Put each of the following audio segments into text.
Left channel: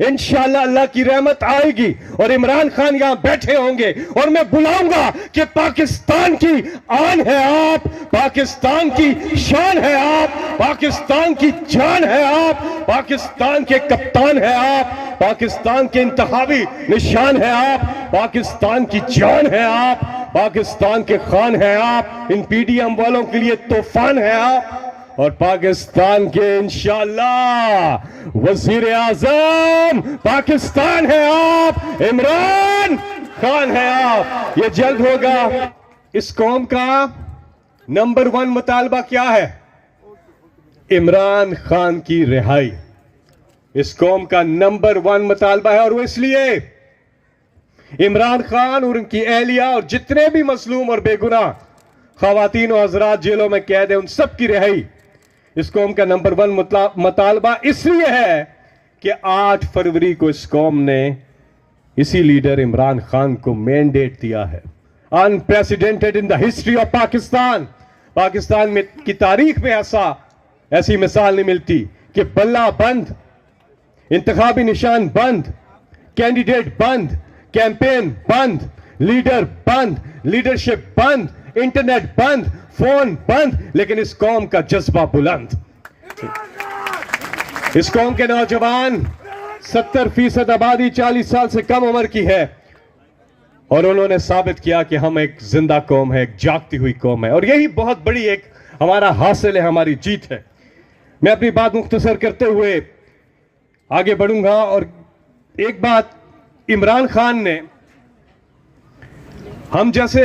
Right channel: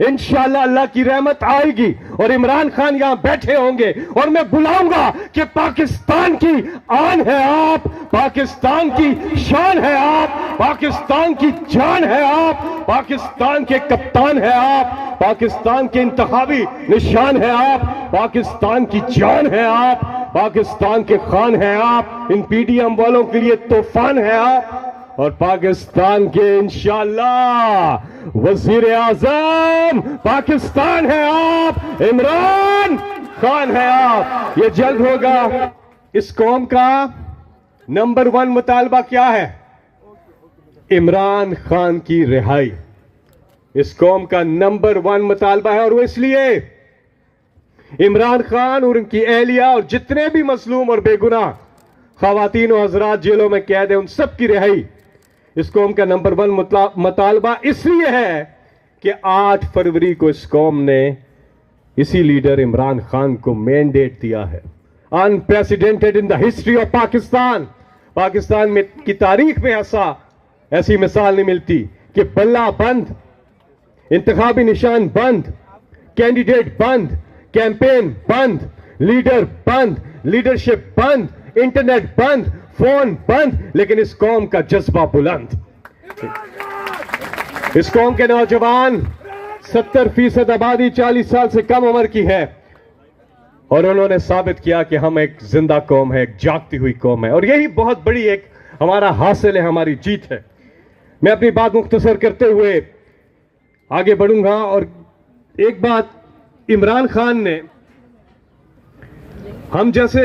इंशाअल्लाह अल्लाह की रहमत आएगी और इमरान खान यहां बैठे होंगे और मैं बुलाऊंगा कि पाकिस्तान की आन है आप, पाकिस्तान की शान है आप, पाकिस्तान की जान है आप, पाकिस्तान के कप्तान है आप, पाकिस्तान के इंतखाबी निशान है आप, पाकिस्तान की जान है आप, पाकिस्तान के खान है आप, इन पीडीएम वालों के लिए तूफान है आप और पाकिस्तान के इंशाअल्लाह वजीर आजम पाकिस्तान है आप, इमरान खान है आप। ये जल्द होगा। इस कौम का नंबर 1 मुतालबा क्या है? इमरान खान की रिहाई। इस कौम का नंबर 1 मुतालबा है और वो इसलिए इमरान खान और उनकी एहलिया और जितने भी मजलूम और बेगुनाह खवातीन और हजरात जेलों में कैद है उन सब की रिहाई इस कौम का नंबर 1 मुतालबा इसलिए है कि 8 फरवरी को इस कौम ने इसी लीडर इमरान खान को मैंडेट दिया है। Unprecedented in the history of Pakistan. Pakistan में की तारीख में ऐसी मिसाल नहीं मिलती कि बल्ला बंद, इंतखाबी निशान बंद, कैंडिडेट बंद, कैंपेन बंद, लीडर बंद, लीडरशिप बंद, इंटरनेट बंद, फोन बंद, लेकिन इस कौम का जज्बा बुलंद। इस कौम के नौजवान 70% आबादी 40 साल से कम उम्र की है और उन्होंने साबित किया कि हम एक जिंदा कौम है, एक जागती हुई कौम है और यही बहुत बड़ी एक हमारा हासिल है, हमारी जीत है। मैं अपनी बात मुख्तसर करते हुए आगे बढ़ूंगा और एक बात, इमरान खान ने हम जैसे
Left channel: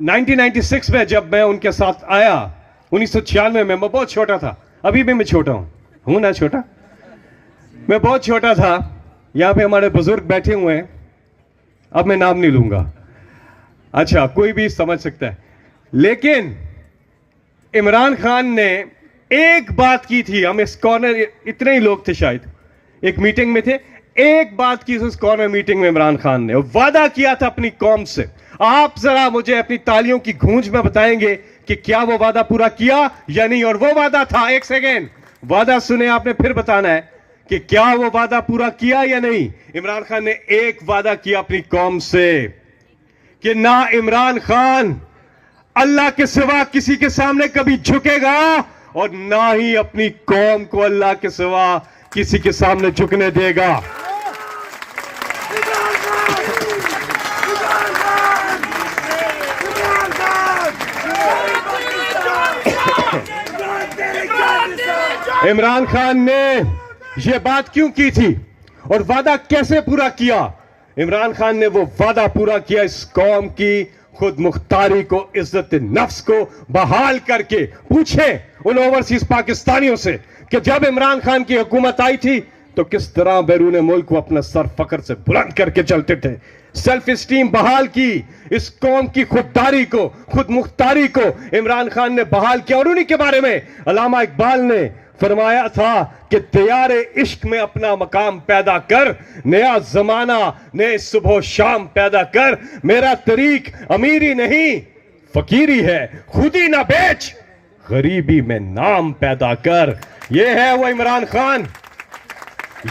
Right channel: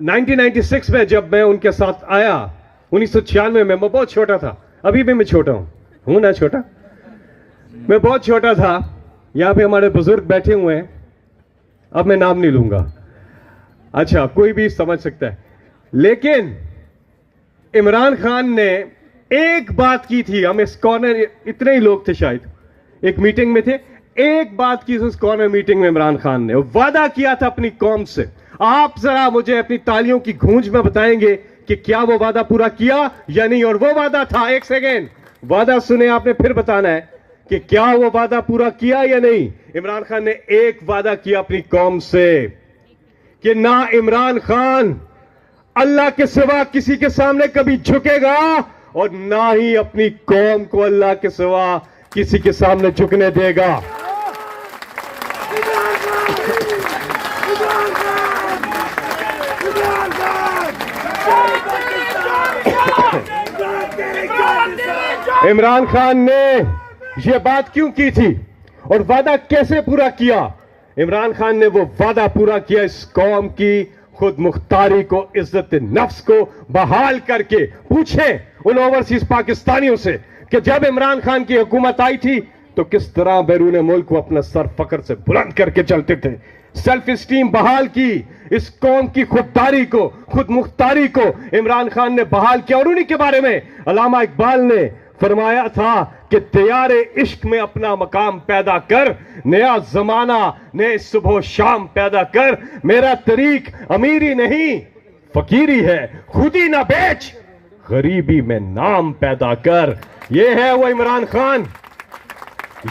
1996 में जब मैं उनके साथ आया 1996 में, मैं बहुत छोटा था, अभी भी मैं छोटा हूं ना छोटा, मैं बहुत छोटा था। यहां पे हमारे बुजुर्ग बैठे हुए हैं, अब मैं नाम नहीं लूंगा, अच्छा कोई भी समझ सकता है, लेकिन इमरान खान ने एक बात की थी। हम इस कॉर्नर इतने ही लोग थे, शायद एक मीटिंग में थे, एक बात की उस कॉर्नर मीटिंग में इमरान खान ने वादा किया था अपनी कौम से। आप जरा मुझे अपनी तालियों की गूंज में बताएंगे कि क्या वो वादा पूरा किया या नहीं। और वो वादा था, एक सेकेंड, वादा सुने आपने, फिर बताना है कि क्या वो वादा पूरा किया या नहीं। इमरान खान ने एक वादा किया अपनी कौम से कि ना इमरान खान अल्लाह के सिवा किसी के सामने कभी झुकेगा और ना ही अपनी कौम को अल्लाह के सिवा किसी के सामने झुकने देगा। इमरान खान ने यह बात क्यों की थी और वादा कैसे पूरा किया? इमरान खान ने वो वादा पूरा किया इस कौम की खुद मुख्तारी को, इज्जत नफ्स को बहाल करके। पूछे उन ओवरसीज पाकिस्तानियों से कि जब इमरान खान की हुकूमत आई थी तो किस तरह बैरून मुल्क को अपना सर फख्र से बुलंद करके चलते थे। सेल्फ स्टीम बहाल की, इस कौम की खुददारी को, खुद मुख्तारी को इमरान खान ने बहाल किया। और उन्हीं के बारे में अल्लामा इकबाल ने फरमाया था कि तैयार इश्क में अपना मकाम पैदा कर, नया जमाना नए सुबह शाम पैदा कर, मेरा तरीक अमीरी नहीं फकीरी है, खुदी ना बेच गरीबी में नाम पैदा कर। ये है वो इमरान खान,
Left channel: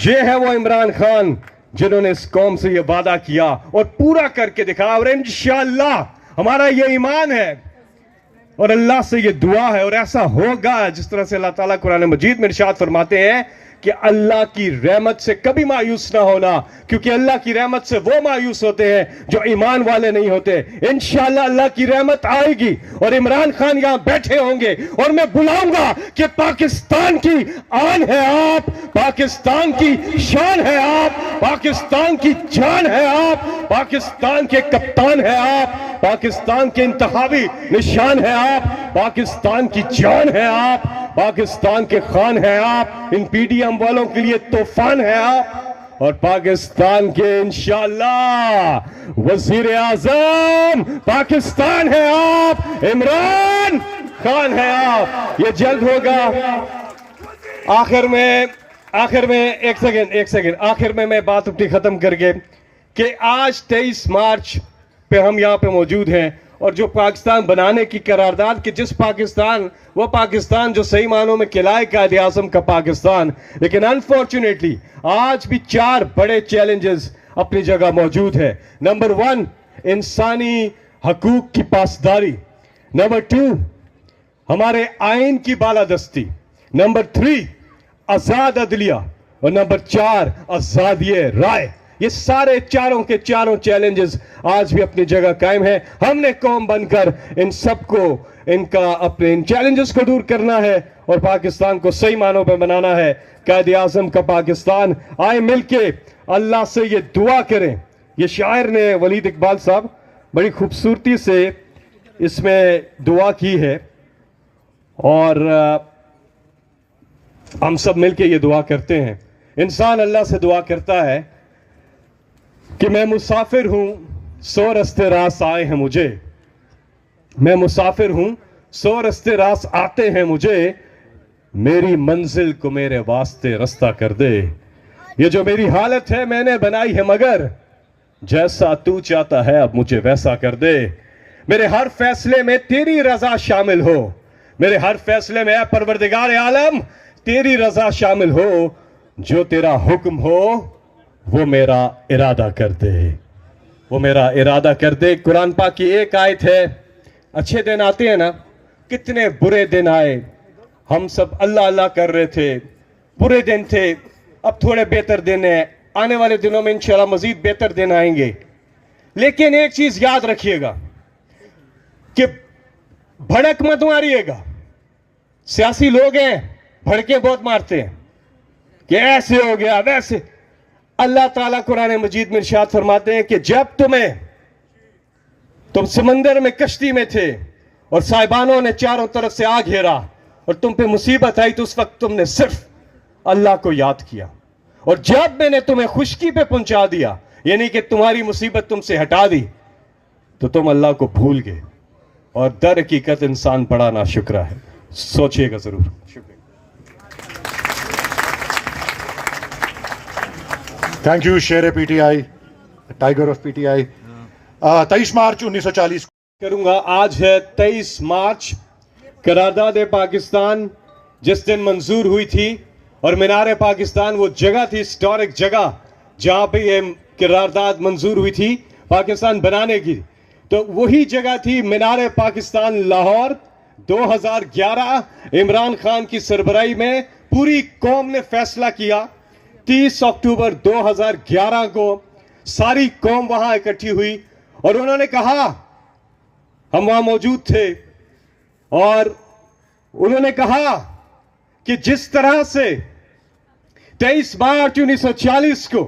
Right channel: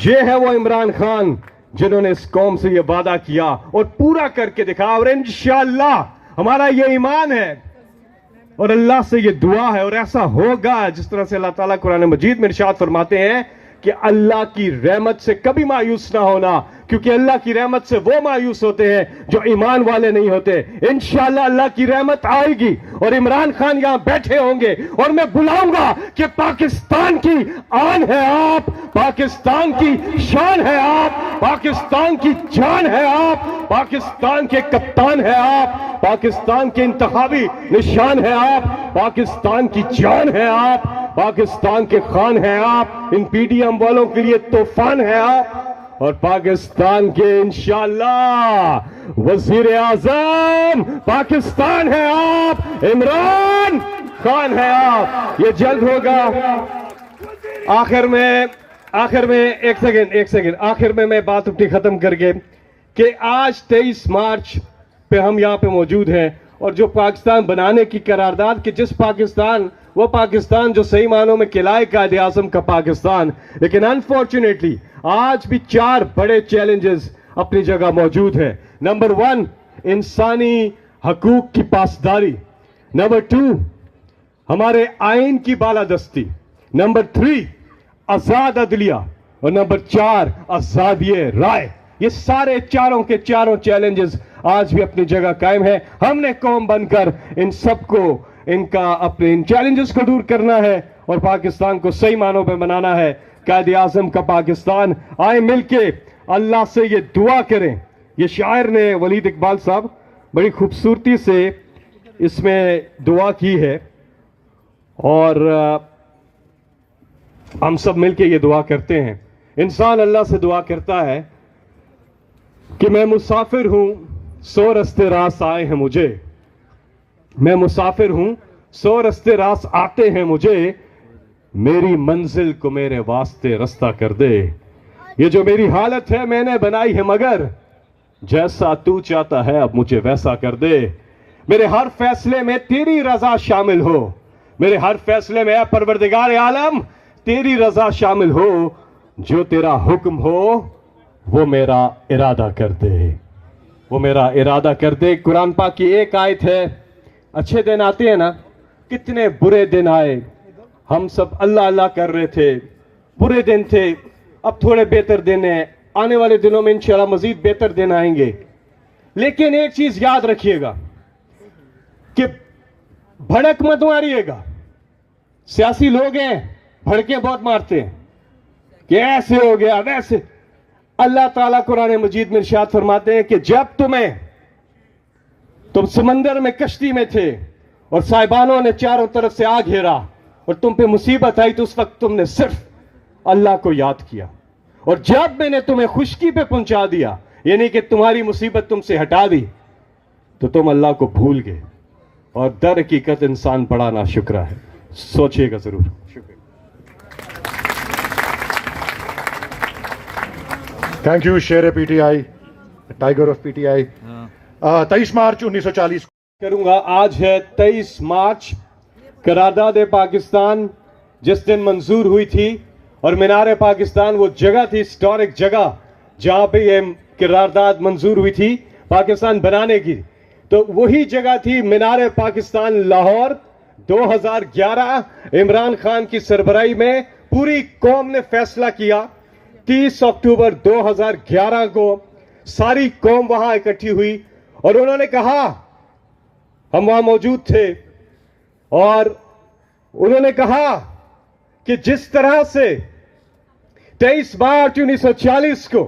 ये है वो इमरान खान जिन्होंने इस कौम से ये वादा किया और पूरा करके दिखा। और इंशाअल्लाह हमारा ये ईमान है और अल्लाह से ये दुआ है और ऐसा होगा जिस तरह से अल्लाह ताला कुरान मजीद में इरशाद फरमाते हैं कि अल्लाह की रहमत से कभी मायूस ना होना, क्योंकि अल्लाह की रहमत से वो मायूस होते हैं जो ईमान वाले नहीं होते। इंशाअल्लाह अल्लाह की रहमत आएगी और इमरान खान यहां बैठे होंगे और मैं बुलाऊंगा कि पाकिस्तान की आन है आप, पाकिस्तान की शान है आप, पाकिस्तान की जान है आप, पाकिस्तान के कप्तान है आप, पाकिस्तान के इंतखाबी निशान है आप, पाकिस्तान की जान है आप, पाकिस्तान के खान है आप, इन पीडीएम वालों के लिए तूफान है आप और पाकिस्तान के इंशाअल्लाह वजीर आजम पाकिस्तान है आप, इमरान खान है आप। ये जल्द होगा। आखिर में एक सेकेंड आखिर में मैं बात अपनी खत्म करके कि आज 23 मार्च पे हम यहां पे मौजूद हैं और जो पाकिस्तान बनाने की करारदाद कि जिस पाकिस्तान, वो पाकिस्तान जो सही मानों में खिलाए कायदे आज़म का पाकिस्तान। लेकिन अनफॉर्चुनेटली आज भी 4 बड़े चैलेंजेस अपनी जगह मौजूद है। नंबर 1, इंसानी हकूक की पासदारी। नंबर 2, हमारे आइन की बालादस्ती। नंबर 3, आजाद अदलिया। और नंबर 4, आजादी राय। ये सारे चारों के चारों चैलेंजेस आज भी अपनी जगह कायम है। हमने कौम बनकर इन सबको, इनका, अपने इन चैलेंजेस को दूर करना है और पाकिस्तान को सही मानों में बनाना है, कायदे आज़म का पाकिस्तान। आए मिलके अल्लाह से ये दुआ करें। ये शायर ने, वलीद इकबाल साहब, बड़ी खूबसूरती से इसमें दुआ की है और हम सब मिलके ये दुआ करते हैं। इंसान अल्लाह से दुआ करता है कि मैं मुसाफिर हूं, 100 रास्ते रास आए हैं मुझे। मैं मुसाफिर हूं, 100 रास्ते रास आते हैं मुझे। मेरी मंजिल को मेरे वास्ते रास्ता कर दे। ये जो मेरी हालत है मैंने बनाई है, मगर जैसा तू चाहता है अब मुझे वैसा कर दे। मेरे हर फैसले में तेरी रजा शामिल हो। मेरे हर फैसले में परवरदिगार आलम तेरी रजा शामिल हो। जो तेरा हुक्म हो वो मेरा इरादा कर दे। वो मेरा इरादा कर दे। कुरान पाक की एक आयत है, अच्छे दिन आते हैं ना, कितने बुरे दिन आए। हम सब अल्लाह अल्लाह कर रहे थे, बुरे दिन थे, अब थोड़े बेहतर दिन है, आने वाले दिनों में इंशाल्लाह मजीद बेहतर दिन आएंगे। लेकिन एक चीज याद रखिएगा कि भड़क मत मारिएगा। सियासी लोग हैं, भड़के बहुत मारते हैं कि ऐसे हो गया वैसे। अल्लाह ताला कुरान मजीद में इरशाद फरमाते हैं कि जब तुम समंदर में कश्ती में थे और साहिबानों ने चारों तरफ से आग घेरा और तुम पे मुसीबत आई, तो उस वक्त तुमने सिर्फ अल्लाह को याद किया। और जब मैंने तुम्हें खुशकी पे पहुंचा दिया, यानी कि तुम्हारी मुसीबत तुमसे हटा दी, तो तुम अल्लाह को भूल गए। और दर हकीकत इंसान बड़ा नाशुक्रा है। सोचिएगा जरूर। थैंक यू शेर पीटीआई, टाइगर ऑफ पीटीआई। 23 मार्च 1940 करूंगा। आज है 23 मार्च, करारदाद पाकिस्तान जिस दिन मंजूर हुई थी। और मीनार पाकिस्तान वो जगह थी, हिस्टोरिक जगह, जहां पे ये करारदाद मंजूर हुई थी पाकिस्तान बनाने की। तो वही जगह थी मीनार पाकिस्तान, लाहौर। 2011 इमरान खान की सरबराही में पूरी कौम ने फैसला किया। 30 अक्टूबर 2011 को सारी कौम वहां इकट्ठी हुई और उन्होंने कहा, हम वहां मौजूद थे, और उन्होंने कहा कि जिस तरह से 23 मार्च 1940 को